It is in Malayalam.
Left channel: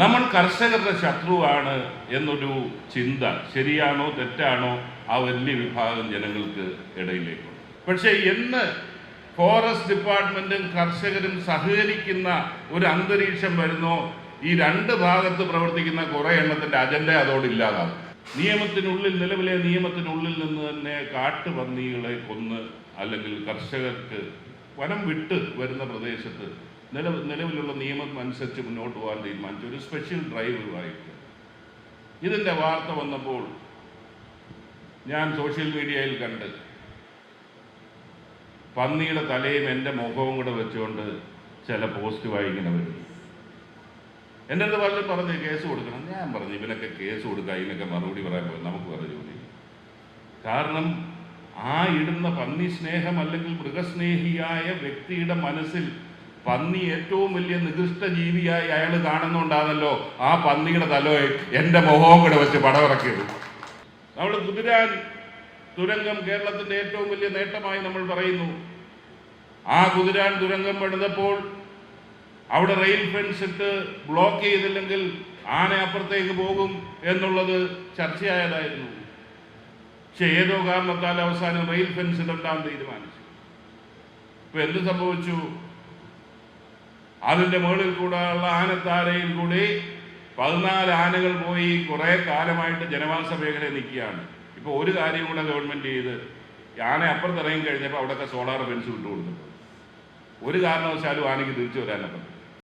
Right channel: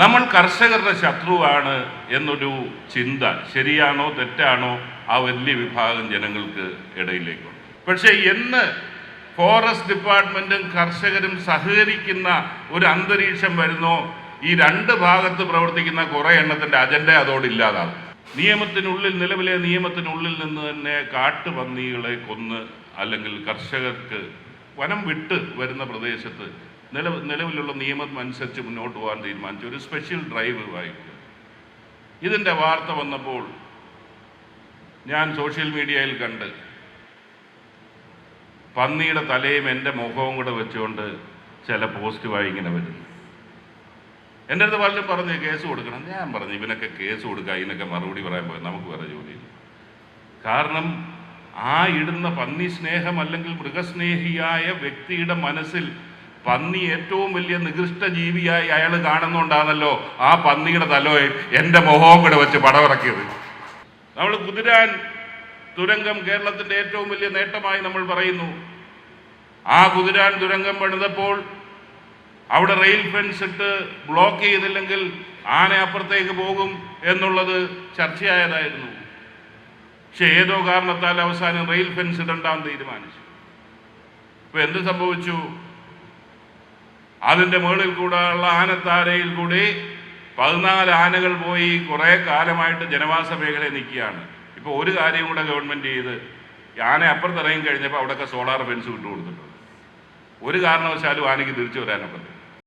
നമ്മൾ കർഷകരുടെ ശത്രുവാണ് എന്നൊരു ചിന്ത ശരിയാണോ തെറ്റാണോ ആ വലിയ വിഭാഗം ജനങ്ങൾക്ക് ഇടയിലേക്കുണ്ട്. പക്ഷേ എന്ന് ഫോറസ്റ്റ് ഡിപ്പാർട്ട്മെന്റും കർഷകരും സഹകരിക്കുന്ന ഒരു അന്തരീക്ഷം വരുന്നോ ഈ രണ്ട് ഭാഗത്ത് പ്രവർത്തിക്കുന്ന കുറേ എണ്ണത്തിന്റെ അജണ്ട അതോടില്ലാതാവും. നിലവിലെ നിയമത്തിനുള്ളിൽ നിന്ന് തന്നെ കാട്ടുപന്നികളെ കൊന്ന് അല്ലെങ്കിൽ കർഷകർക്ക് വനം വിട്ട് വരുന്ന പ്രദേശത്ത് നിലവിലുള്ള നിയമം അനുസരിച്ച് മുന്നോട്ട് പോകാൻ തീരുമാനിച്ചു ഒരു സ്പെഷ്യൽ ഡ്രൈവ് ആയിട്ട്. ഇതിൻ്റെ വാർത്ത വന്നപ്പോൾ ഞാൻ സോഷ്യൽ മീഡിയയിൽ കണ്ട് പന്നിയുടെ തലയും എൻ്റെ മുഖവും കൂടെ വെച്ചുകൊണ്ട് ചില പോസ്റ്റ് ഇങ്ങനെ വരും. എൻ്റെ അടുത്ത് പലരും പറഞ്ഞ് കേസ് കൊടുക്കണം. ഞാൻ പറഞ്ഞു ഇവനൊക്കെ കേസ് കൊടുക്കുക, ഇതിനൊക്കെ മറുപടി പറയാൻ പോയി നമുക്ക് വേറെ ജോലി. കാരണം ആ ഇടുന്ന പന്നി സ്നേഹം അല്ലെങ്കിൽ മൃഗസ്നേഹിയായ വ്യക്തിയുടെ മനസ്സിൽ പന്നി ഏറ്റവും വലിയ നികൃഷ്ട ജീവിയായി അയാൾ കാണുന്നുണ്ടാണല്ലോ ആ പന്നിയുടെ തലയെ എൻ്റെ മുഖവും കൂടെ വെച്ച് പടമിറക്കിയത്. നമ്മൾ കുതിരാൻ തുരങ്കം കേരളത്തിന്റെ ഏറ്റവും വലിയ നേട്ടമായി നമ്മൾ പറയുന്നു. ആ കുതിരാൻ തുരങ്കം പണിതപ്പോൾ അവിടെ റെയിൽ ഫെൻസ് ഇട്ട് ബ്ലോക്ക് ചെയ്തില്ലെങ്കിൽ ആന അപ്പുറത്തേക്ക് പോകും എന്നുള്ളത് ചർച്ചയായതായിരുന്നു. പക്ഷെ ഏതോ കാരണത്താൽ അവസാനം റെയിൽ ഫെൻസ് ഇടണ്ടാൻ തീരുമാനിച്ചു. ഇപ്പൊ എന്ത് സംഭവിച്ചു? അതിൻ്റെ മുകളിൽ കൂടെ ഉള്ള ആനത്താരയിൽ കൂടി 14 ആനകൾ പോയി കുറേ കാലമായിട്ട് ജനവാസ മേഖലയിൽ നിൽക്കുകയാണ്. ഇപ്പോൾ ഒരു കാര്യം കൂടെ ഗവൺമെൻറ് ചെയ്ത് ആന അപ്പുറത്തിറങ്ങി കഴിഞ്ഞപ്പോൾ അവിടെയൊക്കെ സോളാർ ഫെൻസ് വിട്ടു കൊടുത്തിട്ടുണ്ട്. ഒരു കാരണവശാലും ആനയ്ക്ക് തിരിച്ചു വരാനൊക്കെ